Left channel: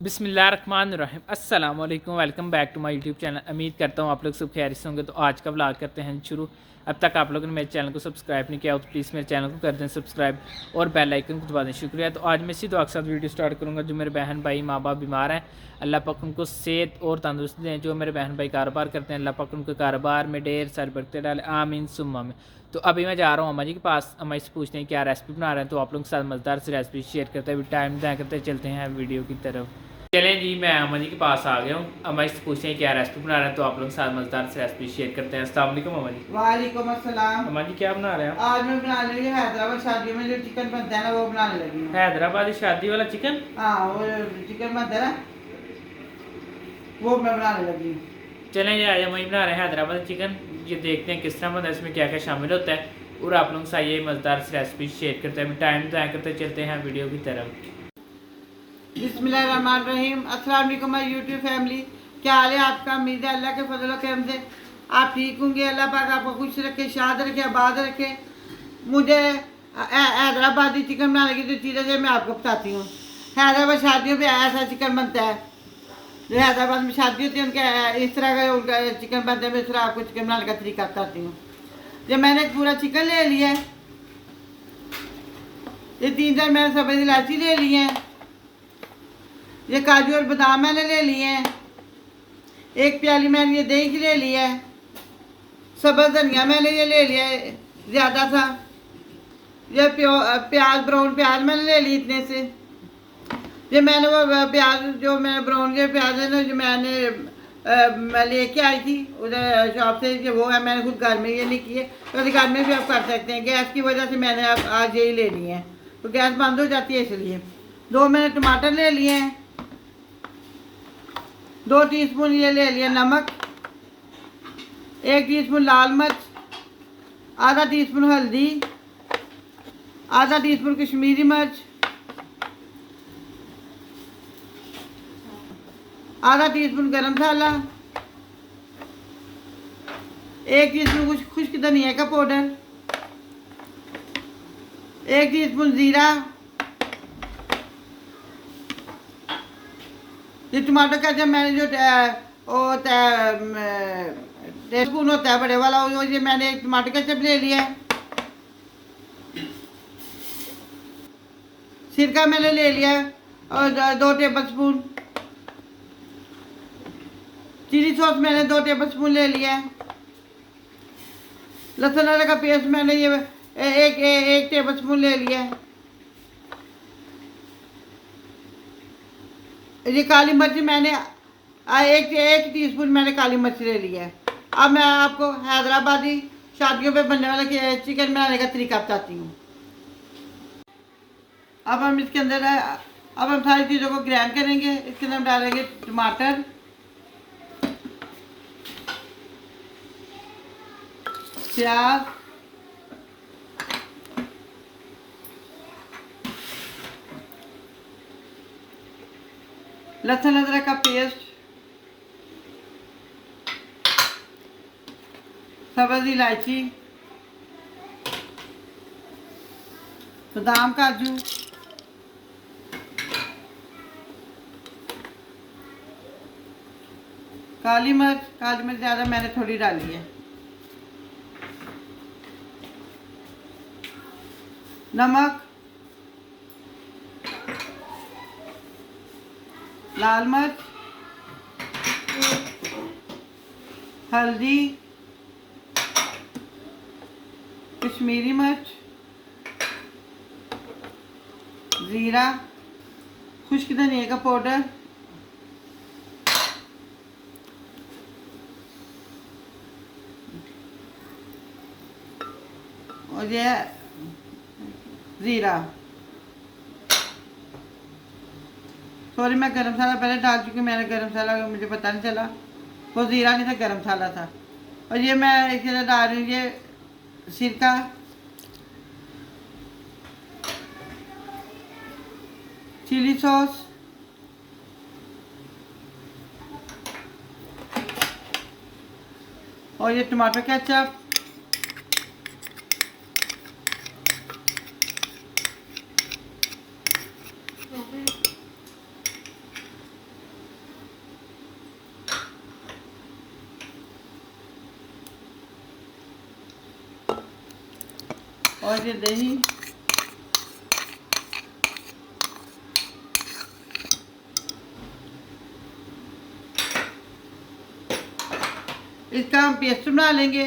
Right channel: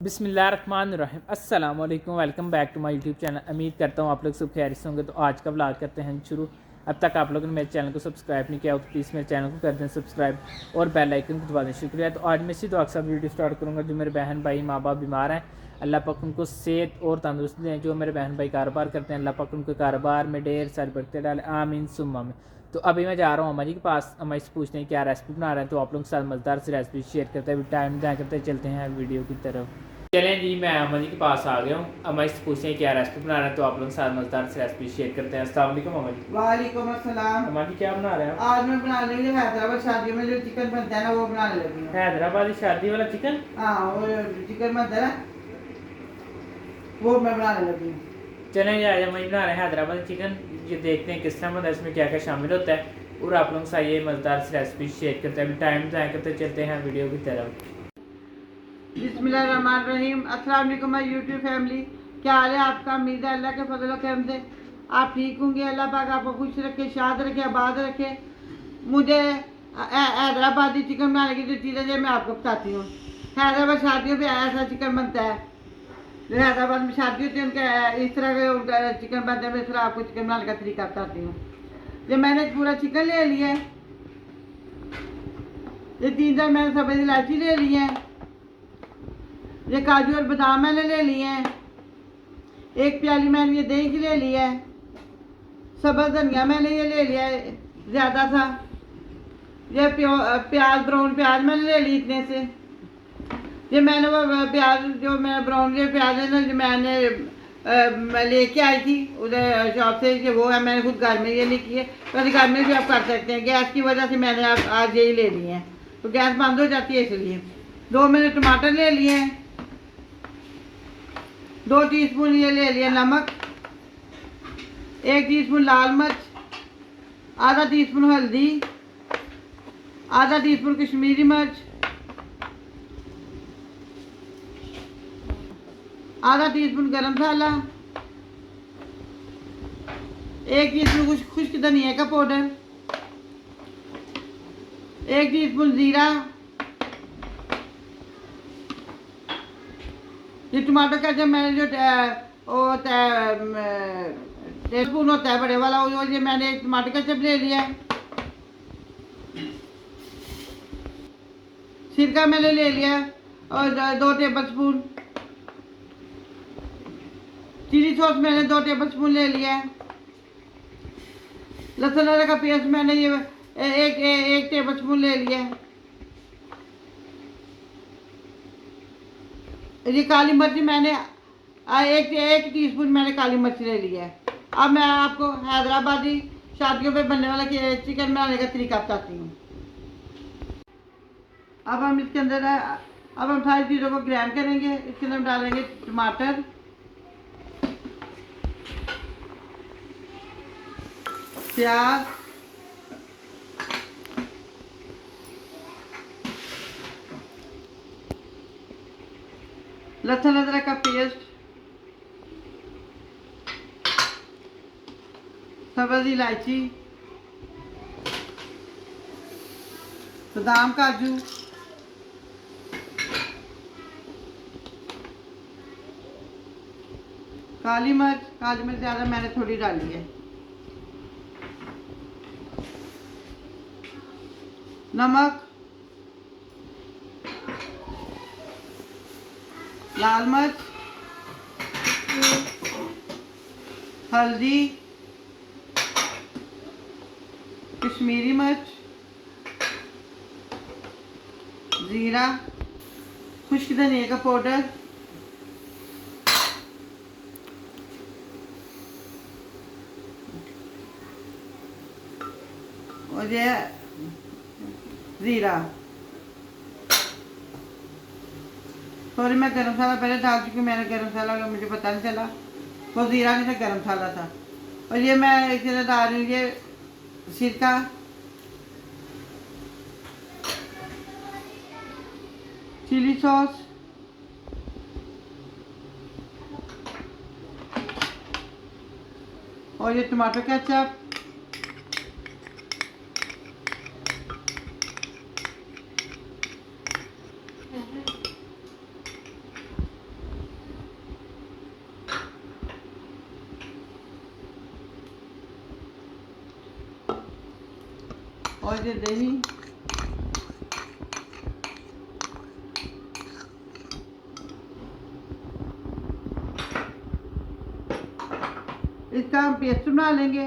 बिस्मिल्लाहिर्रहमानिर्रहीम अस्सलाम वालेकुम। Welcome back to my YouTube channel. उम्मीद करता हूँ आप लोग सब खैरियत से होंगे। तो आज का व्लॉग करते हैं शुरू। अब तक आप लोगों ने मेरे चैनल को सब्सक्राइब नहीं किया हो तो प्लीज़ मेरे चैनल को कर दें सब्सक्राइब और बेल आइकन को दबा दें। शुक्रिया। तो आज मैं इसी दुआ के साथ वीडियो स्टार्ट करूँगा। जो मेरे बहन भाई माँ बाप बीमार हैं, अल्लाह पाक उनको सेहत और तंदुरुस्ती दें। जो मेरे बहन भाई कारोबार करते हैं, अल्लाह पाक उनके कारोबार में ढेर सारी बरकतें डालें, आमीन सुम्मा में। तो अभी मैं जा रहा हूँ अम्मा जी के पास। अम्मा जी से पूछते हैं क्या रेसिपी बना रहे हैं। तो आप लोगों के साथ मज़ेदार से रेसिपी शेयर करते हुए टाइम दिया करते चलते हैं वीडियो की तरफ। चलें जी, मैं अम्मा जी के पास आ गया हूँ। अम्मा जी से पूछते हैं क्या रेसिपी बना रहे हैं। तो आप लोगों के साथ मज़ेदार से रेसिपी शेयर करते हैं। अस्सलाम वालेकुम अम्मा जी। वालेकुम अस्सलाम। अम्मा जी क्या बना रहे हैं? आज मैं बनाने लगी हैदराबाद शादी में जो चिकन बनता है ना, वो बनाने लगी हूँ। हैदराबादी शादी वाला चिकन? हाँ, वो चिकन बनता है ना, वो मैं बनाने लगी हूँ। चलें जी, आज अम्मा जी बना रहे हैं हैदराबादी चिकन। ये देखते हैं किस तरह बनता है, इसमें क्या क्या शामिल होता है और आप लोगों के साथ ये मज़ेदार सी रेसिपी शेयर करते हैं। टाइम ज़ाया करते चलते हैं वीडियो की तरफ। बिस्मिल्लाहिर्रहमानिर्रहीम। अस्सलाम वालेकुम माय यूट्यूब फैमिली। क्या हाल है आपका? उम्मीद है अल्लाह के फजल करम से आप ठीक होंगे। अल्लाह पाक आपको खुश रखे, शाद रखे, आबाद रखे। मुझे हैदराबादी चिकन बनाने की जो चीज़ें हैं मैं आपको बताती हूँ। हैदराबाद शादियों में ऐसा चिकन बनता है, जो हैदराबाद में शादी होती है उनके इस तरह का उनका चिकन बनता है। मैं इस तरह आपको चिकन बनाने का तरीका बताती हूँ। जब मैंने पूरा चिकन ले लिया है, ये 3 मैंने सब्ज़ इलायची ले ली है, ये काजू और बादाम मैंने ले लिए हैं, 1 प्याली मैंने ये दही की ले लिया है, सब्ज़ धनिया मैंने ये ले लिया है ज़्यादा था, ये प्याज ब्राउन प्याज मैंने ले ली इतने से। ये मैंने वो प्याज जो मैं ब्राउन के प्याज है ना, जो मैं लेके आई थी उधर शॉप से, कि वो है मैंने खुद घर में ये नहीं किए। तो घर में भी आप कर सकते हैं। गैस की वजह से मैंने आज यही ले लिए हैं, तो गैस बंद हो जाती है इसलिए। 2 मैंने टमाटर ले लिए हैं, 2 टीस्पून ये ले लिया नमक, 1 टीस्पून लाल मिर्च, आधा टीस्पून हल्दी, आधा टीस्पून कश्मीरी मिर्च, आधा टीस्पून गरम मसाला, 1 टीस्पून खुश्क धनिया का पाउडर, 1 टीस्पून जीरा। ये टमाटर का जब मैंने जो टेस्पून होता है बड़े वाला, वो ये मैंने एक टमाटर का चप ले लिया है। सिरका मैंने ले लिया और 2 टेबल स्पून। चिली सॉस मैंने 2 टेबल स्पून ले लिया है। लहसुन अदरक का पेस्ट मैंने ये एक टेबल स्पून ले लिया है। ये काली मिर्च मैंने एक टीस्पून मैंने काली मिर्च ले लिया है। अब मैं आपको हैदराबादी शादियों पे बनने वाला चिकन बनाने का तरीका बताती हूँ। अब हम इसके अंदर अब हम सारी चीज़ों को ग्राइंड करेंगे। इसके अंदर हम डालेंगे टमाटर, प्याज, लहसुन अदरक का पेस्ट, सब्ज़ इलायची, बादाम काजू, काली मिर्च ज़्यादा मैंने थोड़ी डाली है, नमक, लाल मिर्च, हल्दी, कश्मीरी मिर्च, ज़ीरा, खुश्क धनिया का पाउडर, और ये ज़ीरा। सॉरी, मैं गरम मसाला पहले डाल चुकी। मैंने गरम मसाला मुझे पता नहीं चला, वो ज़ीरा नहीं था, गरम मसाला था। और ये मैं एक जगह डाल रही हूँ ये सिरका, चिली सॉस, और ये टमाटर केचप, और ये दही, इसका हम पेस्ट बना लेंगे।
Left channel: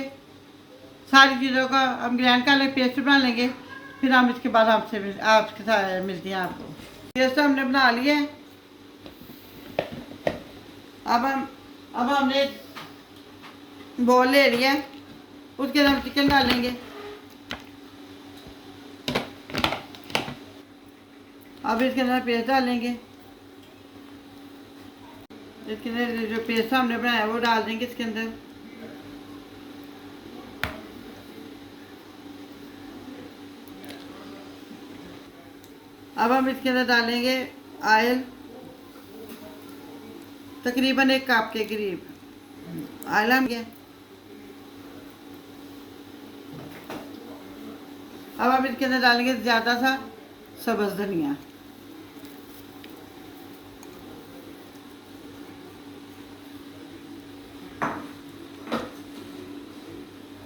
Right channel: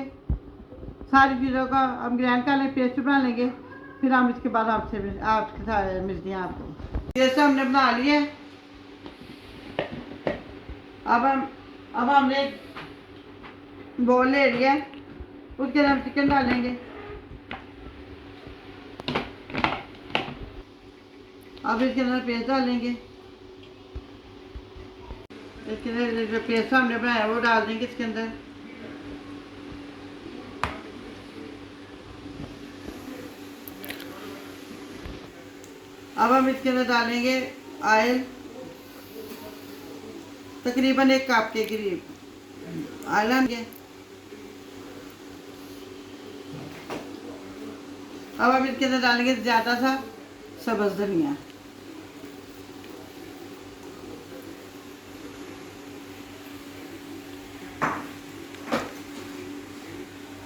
सारी चीज़ों का हम ग्राइंड कर लेंगे, पेस्ट बना लेंगे। फिर हम इसके बाद आपके साथ मिलते हैं आपको। पेस्ट हमने बना लिया है। अब हमने बोल ले लिया है, उसके अंदर हम चिकन डालेंगे। अब इसके अंदर पेस्ट डालेंगे। इसके अंदर जो पेस्ट हमने बनाया वो डाल देंगे इसके अंदर। अब हम इसके अंदर डालेंगे ऑयल, तकरीबन 1 कप के करीब ऑयल लेंगे। अब हम इसके अंदर डालेंगे ज़्यादा सा सब्ज़ धनिया।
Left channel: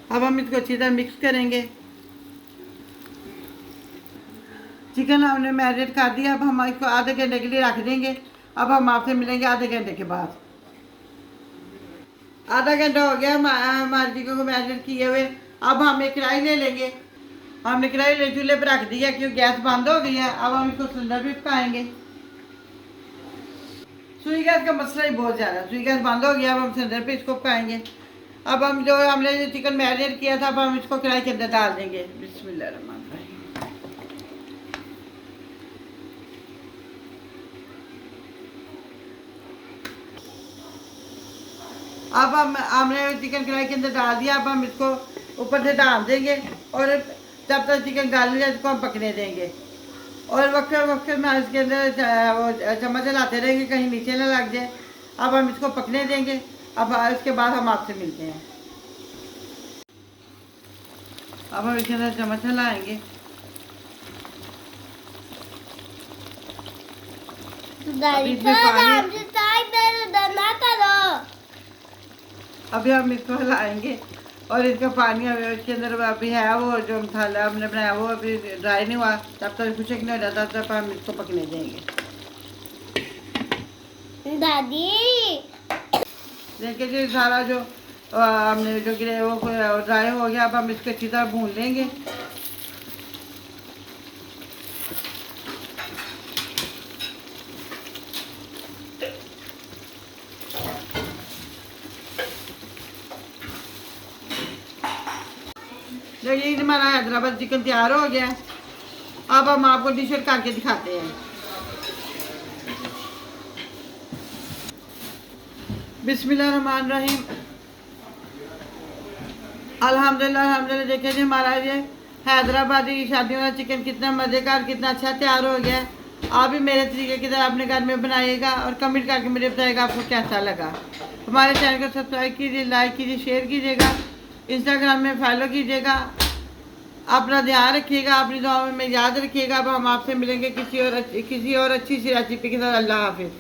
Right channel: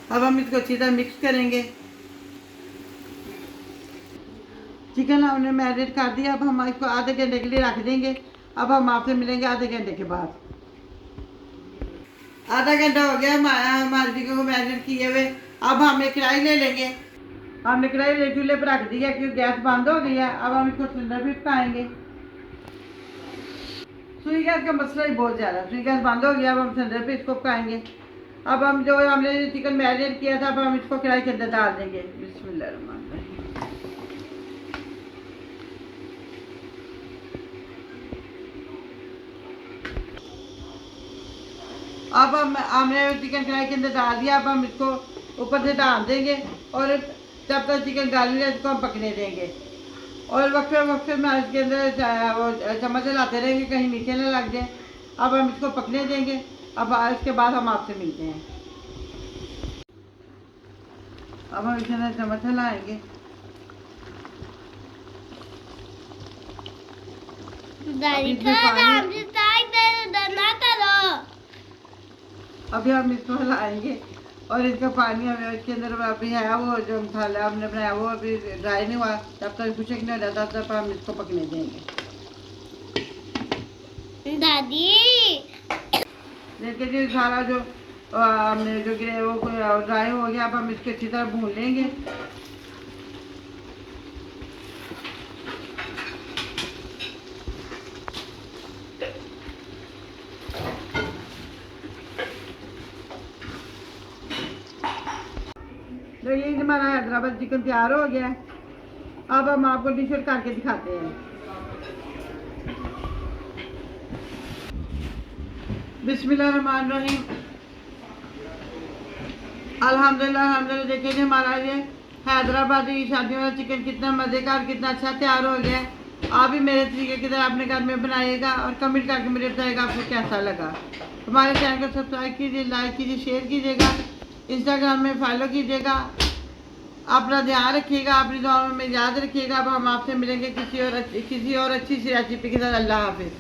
अब हम इसको अच्छी तरह मिक्स करेंगे। चिकन हमने मैरिनेट कर दिया। अब हम इसको आधे घंटे के लिए रख देंगे। अब हम आपसे मिलेंगे आधे घंटे के बाद। आधा घंटा हो गया हमारे चिकन को मैरिनेट किए हुए। अब हम एक कढ़ाई ले लेंगे। हमने कढ़ाई ले चूल्हे पर रख दिया क्योंकि गैस बंद हो गई है। अब हम इसको सिलेंडर भी पकाएंगे। सुई गैस का मसला ही बहुत ज़्यादा, सुई गैस बंद हो गया। अब हम सिलेंडर पे इसको पकाएंगे। अब हमने जो चिकन मैरिनेट किया था, अब हम इसको कढ़ाई के अंदर डाल देंगे। बिस्मिल्लाहिर्रहमानिर्रहीम। अब हमने चिकन कढ़ाई के अंदर डाल दिया। अब हम इसको ऊपर से डाल देंगे और जब तक चिकन डाल लिया इसको हम पकने देंगे। और वक्त में इसके अंदर चम्मच चलाते रहेंगे कहीं नीचे ना लग जाए। अब हम इसको पकने देंगे। अब इसके बाद हम आपसे मिलते हैं। अब हम इसके अंदर चम्मच चलाएंगे। अभी हम इसको हिलाएंगे और इसका पानी इसके अंदर अभी है वो जो मसाला हमने बनाया वो अभी ड्राई नहीं हुआ। तब तक कुछ नहीं हो जाता, तब हम इसको पकने देंगे। दादी देखिए जी सारा जो हमने जो गिरे वो ड्राई हो गया। अब हम इसको अच्छी तरह भून लेंगे। जो ये हमारा हैदराबाद चिकन तैयार हो गया। अब हम आपको डिश करके दिखाते हैं। बिस्मिल्लाहिर्रहमानिर्रहीम। अल्हम्दुलिल्लाह देखिए जी हमारा ये हैदराबादी शादियों का चिकन कितना मज़ेदार, कितना अच्छा तैयार हो गया है। आप भी मेरे तरीके की तरह अपने घर में बनाइएगा और कमेंट करके मुझे बताइएगा आपको कैसा लगा। हमारे चैनल को सब्सक्राइब कीजिए, लाइक कीजिए, शेयर कीजिएगा, इंस्टाग्राम में फॉलो कीजिएगा। अपना ध्यान रखिएगा, अपनी दुआओं में याद रखिएगा। अब हम आपसे मिलेंगे किसी और अच्छी सी रेसिपी के साथ। अल्लाह हाफिज़।